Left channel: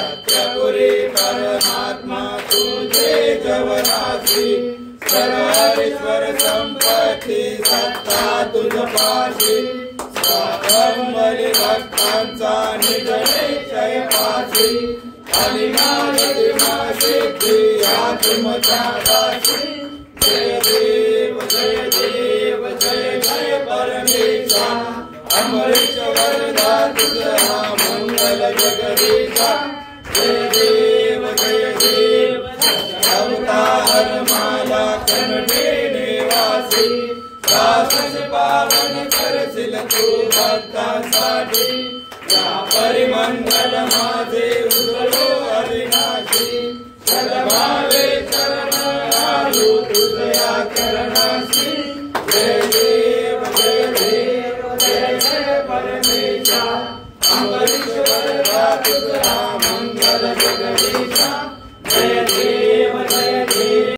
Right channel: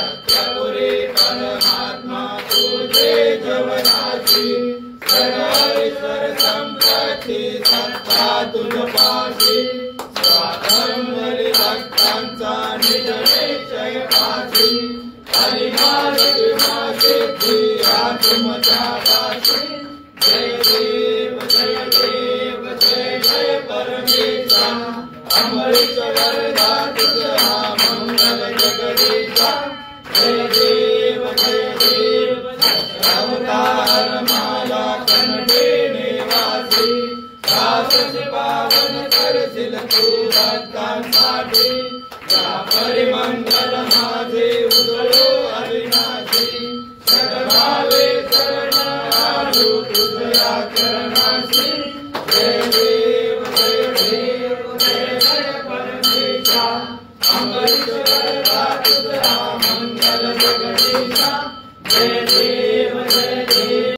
सत्यपुरी परमात्मा तुझे जवनाची सर्वेश्वर संपत्ती सत्ता तुझ पाशी स्वातंत्र्य भक्तांचा निज निश्चय पाशी अनिमानतिमा सिद्धी आत्मच्या पाशी जय देव जय देव जय जय परमेशा अमृत वरदा तुझा मंगल जगदीशा जय देव अवतार माला कंठे निवासी साहस पावन करशील तू भक्तांसाठी या परिमंगल माझे उजळो अविनाशी सर्वावे शरण आलो तुझ्या करणाशी जय देव जय जय परमेशा अमृत वरदा तुझा मंगल जगदीशा जय देव